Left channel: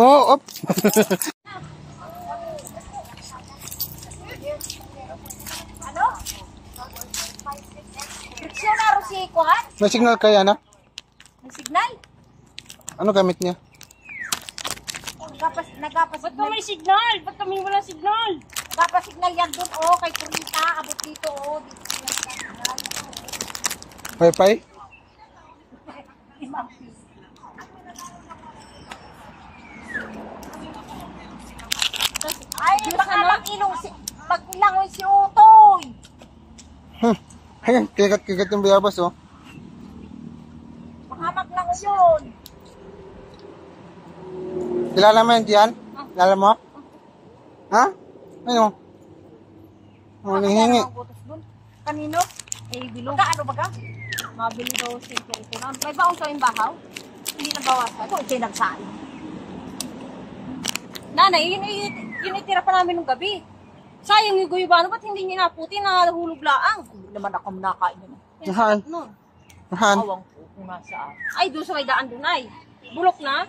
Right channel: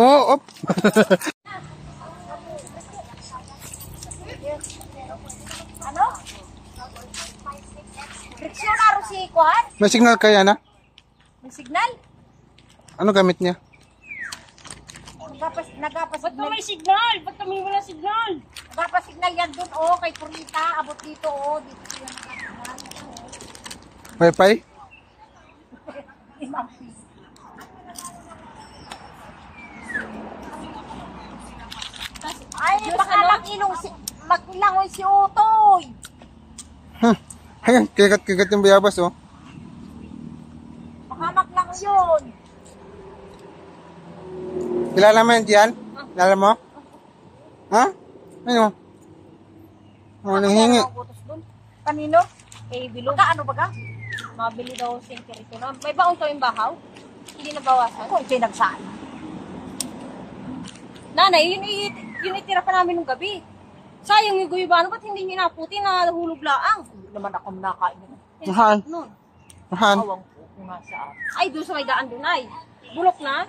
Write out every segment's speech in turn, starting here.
Oh, op. Ano? Dictionary si Kuhan? May signal kaya na? May signal? Ano gamit niya? Ba't ka may signal? Ba't kami wala signal? Nagpapasignal yan dun, oh, kay Purita, abot dito, oh. Dito yan sa signal. Wi-Fi? Ay, baka mag-ilangoy si Utoy. Ayan, kikat-kikat yung bayabas, oh. Baka maglangoy yun. Kilala mo yan, Gian? Kilala mo? Ha? Ano? Ano nanghingi? Kanino? Eh, bilog. Ano ba ka? Mabili daw security. May baon ko yung bahaw? Hindi na bawasan. Kung sinagsain. Nanay, yun itira pa namin nung gabi. Sayang yung guyubano, ba't hindi niya naputi na hulog laang? Hindi naman ako nakain yun. Saan? Saan? Awang po kung nasaan. Ay, doon sa may daan doon ay. Bulok na.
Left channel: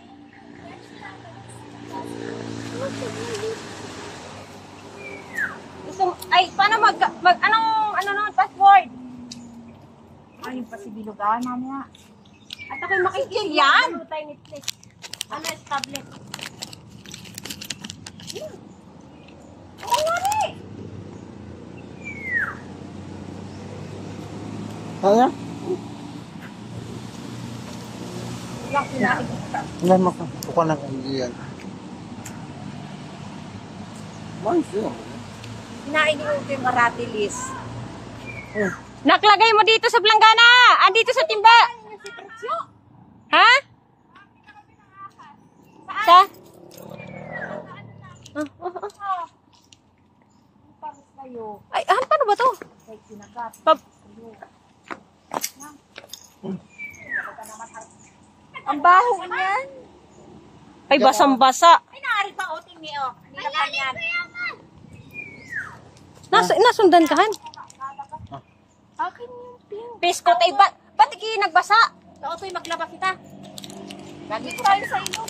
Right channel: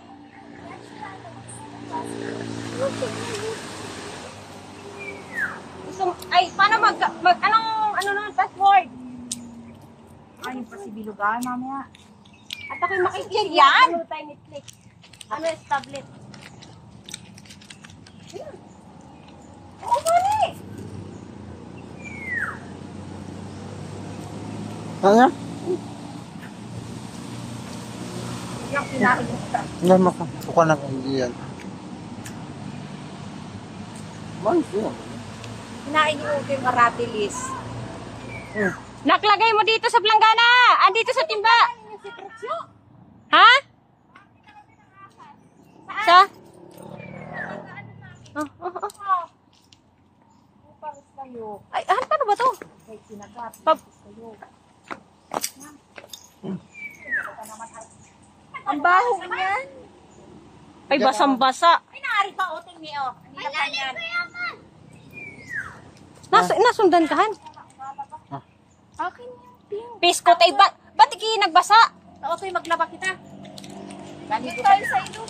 Ay, paano ano na, password? Ay, yung pasibilugan, mamaya. At ako'y makikita yan. Ano tayo Netflix? Ano yung tablet? Oo nga ni. Ano? Yung kinain ko. Alam mo ko. Buka ng Gian. Manis yun. Kinain ko yung maratilis. Naklagay mo dito sa planggana. Andito sa timba. Ha? Sa? Ay, paano ba to? Ang baho niyan. Ay, basang-basa. Ay, naari pa, oting ni, oh. Nilapan yan. Nasundan ka, Han? Akin yung pink. Piskot, ay, ba't iki nagbasa? Otoy, maglaba kita. Ganito tayo sa ilong.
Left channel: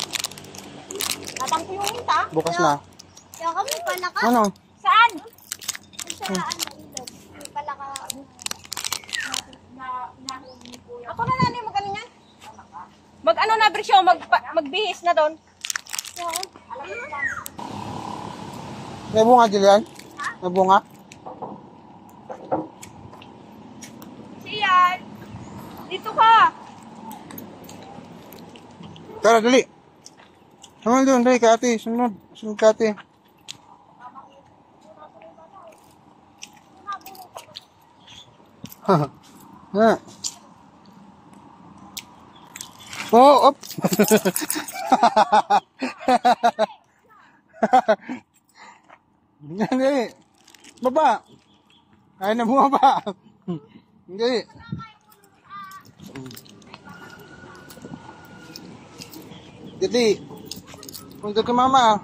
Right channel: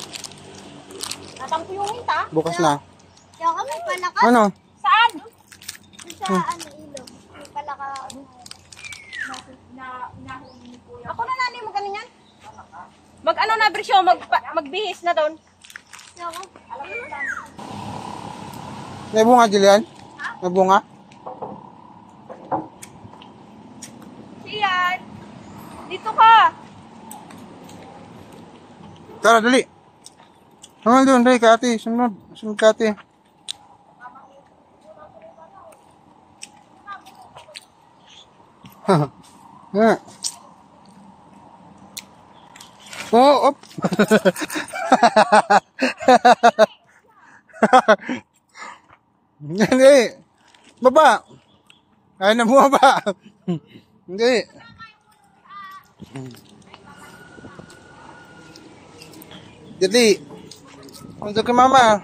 Natang ko yung hinta. Bukas na. Kaya kami pala ka. Ano? Saan? Sa ilog. May pala ka. Ako na nani, mag-ano yan? Mag-ano na, Brisyo, magbihis na doon. May bunga, Jillian? May bunga? Siyan! Dito ka! Tara, dali. Hanggang doon, dali ka ate. Sunod. Sunod ka ate. Oh, op. Hindi. Baba. Kaya na bumaba. Hindi. Jadi. Untuk ke mama.